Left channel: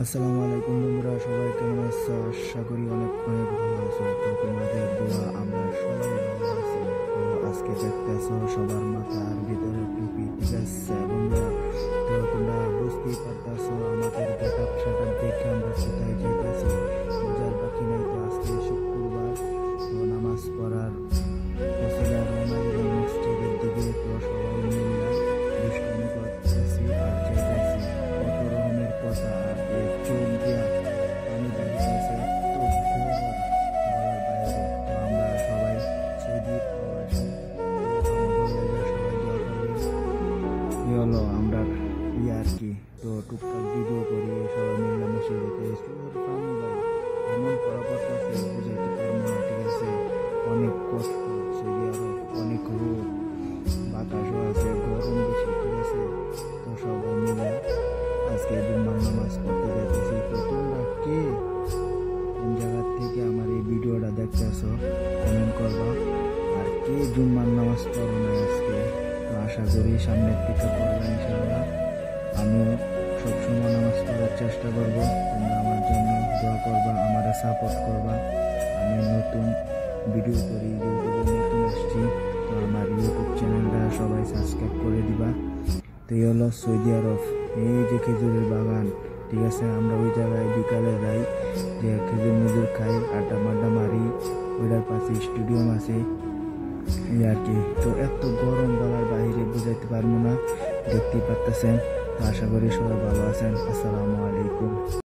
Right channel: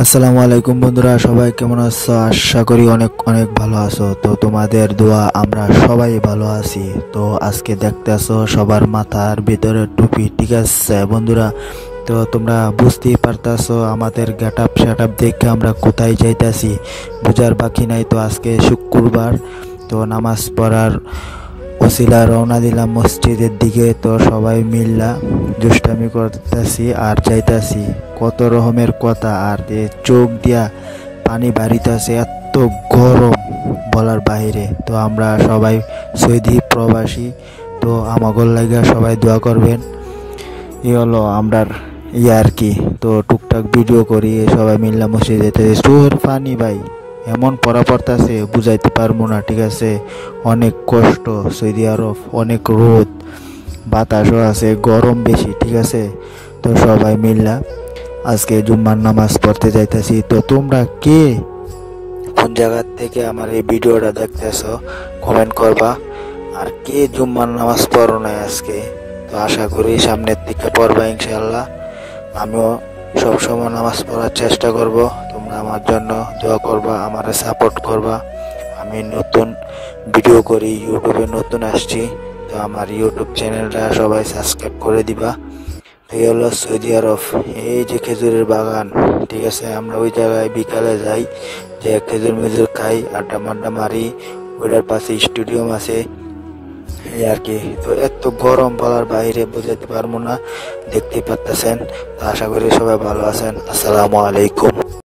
আসসালামু আলাইকুম বন্ধুরা, সবাই কেমন আছো? আশা করি অনেক অনেক ভালো আছো। তো তোমাদের দোয়া আমরা সবাই ভালো আছি। তো আজকে দেখতেছো সবার মাথার ভিতরে টুপি, ঠিক আছে বন্ধুরা? তো তোমরা বুঝতেই পারতাছো আমাদের গেট আপ সেট আপ দেখে আমরা কোথায় যাইতাছি, বুঝার বাকি নাই। তো আজকে শুক্রবার, তো নামাজ পড়ার ওসিলা রওনা দিলাম মসজিদের দিকে। তো সবাই মিল্লা দুষ্টামি করতেছি আর যাইতাছি, কত রকমের কথা। আর চোখ দিয়া পানি বাড়িতেছে, এত গরম বলার বাইরে। তো আমরা সবাই সৌদি প্রবাসী, তো আমাগর লাগা সবাই দোয়া করবেন। হলো আমরার আর কি। তো টুকটাক ভিডিও করি, সবাই মিল্লা মসজিদে তোর পানি ভাই এমন পড়া পড়তাছে বুঝাইতে পারবো না, ঠিক আছে? অনেক কষ্ট, সৌদি আরব অনেক রোদ, বাতাসও আছে, গরম বেশি, ঠিক আছে? তো সবাই মিল্লা আজকে জুম্মার নামাজ পড়তে যাইতেছি। তো তোমরা কে কোন জায়গা থেকে আমার এই ভিডিওটা দেখতেছো কমেন্ট করবা। আর কে জুম্মার নামাজ পড়ো নাই আজকে? তো আশা করি সামনের দিকে পড়বা ইনশাআল্লাহ। আমিও সবসময় নামাজ পড়ার চেষ্টা করব। তোমরা আমার জন্য দোয়া করবা, আমার সাপোর্ট করবা। আমি নতুন ভিডিও করি, ইউটিউবে নতুন আসছি। তো আমার ইউটিউব চ্যানেলটা সবাই সাবস্ক্রাইব করে দিবা। এই হলো সৌদি আরব, এই যে খেজুরের বাগান, ঠিক আছে? আমরা ওই জায়গায় বিকালে যাই, যে খেজুর মেজুর খাই, আড্ডা মাড্ডা মারি। ওইটার পাশে স্টেডিয়াম আছে, এই আর কি। তো এত গরম বলার বাইরে বোঝাতে পারবো না, দেখতেই পারতেছেন। তো আশা করি সবাই ভালো আছেন। আসসালামু আলাইকুম।